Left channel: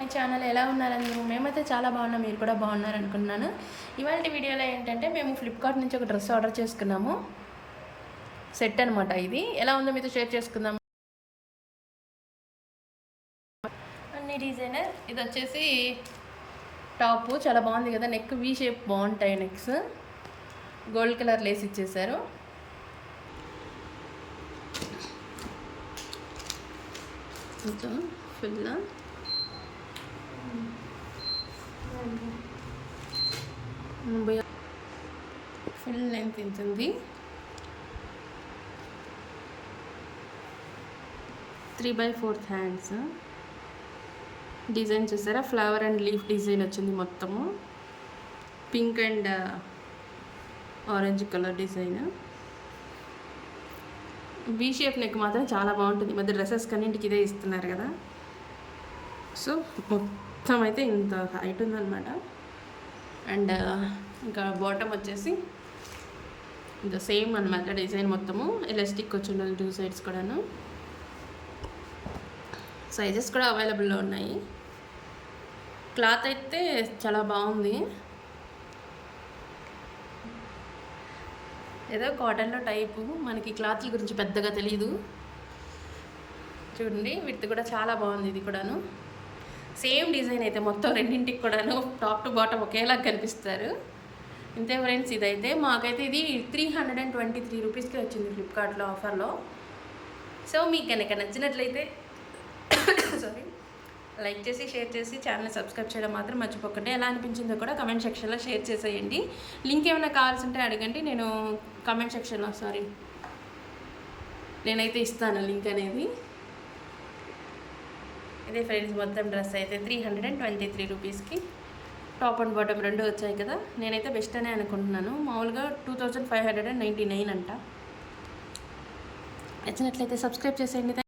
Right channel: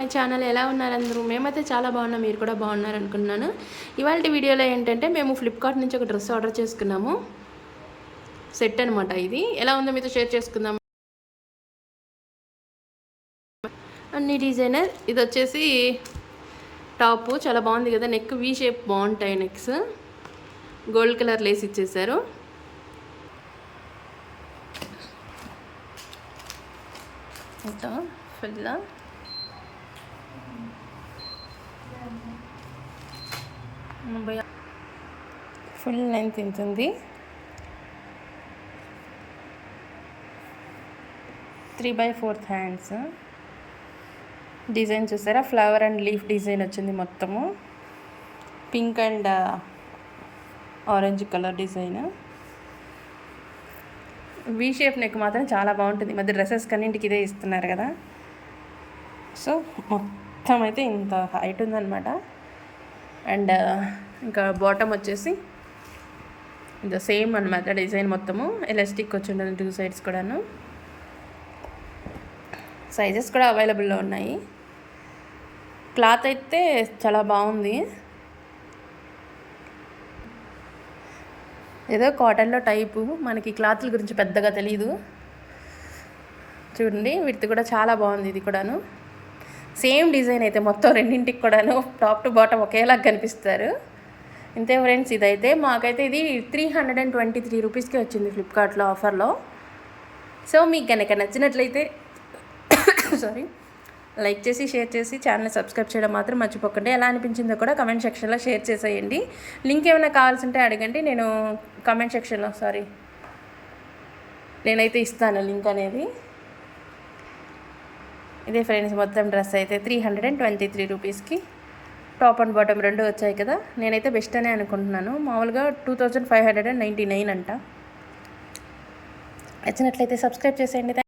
My channel ఎలా ఉన్నారు అందరూ? మేమైతే చాలా బాగున్నాం, మీరు కూడా బాగున్నారు అనుకున్నాను. ఇవాళ వీడియోలో ఏంటంటే మేము ఫ్లిప్కార్ట్ నుంచి ఒక డ్రెస్ ఆర్డర్ చేసుకున్నాము. సెట్ అనమాట. ఇది ఎలా ఉందో మీతో షేర్ చేసుకుందాం. అన్ని డిజైనర్. ఇది వచ్చేసి టాపు చాలా బాగుంది కదా, నెక్ వీ షేప్ బాగుంటాయి నెక్స్. గోల్డ్ కలర్ లేస్ ఇచ్చేసారు. ఇంకా ఫుల్ ఫుల్ లెంత్ ఉంటుంది. 3/4 హ్యాండ్స్. డిజైన్ చూసారా, ఫ్లవర్ అండ్ లీఫ్ డిజైన్ వచ్చింది మొత్తము. Pink and orange colour design. V shape neck మాత్రం చాలా బాగుంటుంది. మధ్య డ్రెస్సెస్ కన్నింటికి ఇదే ఇస్తున్నారు కదా. సో మొత్తం అయితే ఇంత హైట్ ఉందన్నమాట. అండ్ ఇంకా బాటమ్ వచ్చేసి ఇది సేమ్ అనమాట. డిజైన్ మొత్తము ఎలాస్టిక్ వచ్చి ఉండాలి 2 సైడ్స్ కూడాను. సైజెస్ కూడా అవైలబుల్లో ఉన్నాయి. క్లాత్ అయితే చాలా బాగుంది. ఏదో కాటన్లో టైపు, మనకి క్లాత్ల గురించి పెద్దగా తెలియదు. చూడండి, వీటి కూడా చాలా బాగుంది. ఇది కూడాను సేమ్ డిజైన్ అయితే మొత్తం రెండింటికి కూడాను టాప్ టు బాటమ్ ఒకేలాగా కనిపిస్తారు. ఇంతే ఫ్రెండ్స్. ఇదైతే మాకైతే ఇది 323 రూపీస్కి వచ్చింది ఫ్లిప్కార్ట్లో ఆఫర్లో. సో మీకు కనుక నచ్చినట్లయితే సారీ లైక్ చేసి షేర్ చేసి ఛానల్ సబ్స్క్రైబ్ చేయడం మాత్రం మర్చిపోకండి. ఎలా అనిపించిందో కూడా కమెంట్ సెక్షన్లో షేర్ చేసేయండి. లింక్ ఏమైనా కావాల్సి ఉంటే అడగండి, నేను కమెంట్ సెక్షన్లో నేనైతే ఇస్తాను లింక్ అనేది. ఇదే ఫ్రెండ్స్, మొత్తం డ్రెస్ అయితే 323 రూపీస్కి టాప్ అండ్ బాటమ్ రెండు వచ్చాయి కదా. నేనైతే బెస్ట్ అనే అనుకుంటున్నాను. మామూలుగా 2599 అంట. నచ్చినట్లయితే సబ్స్క్రైబ్ చేసేయండి.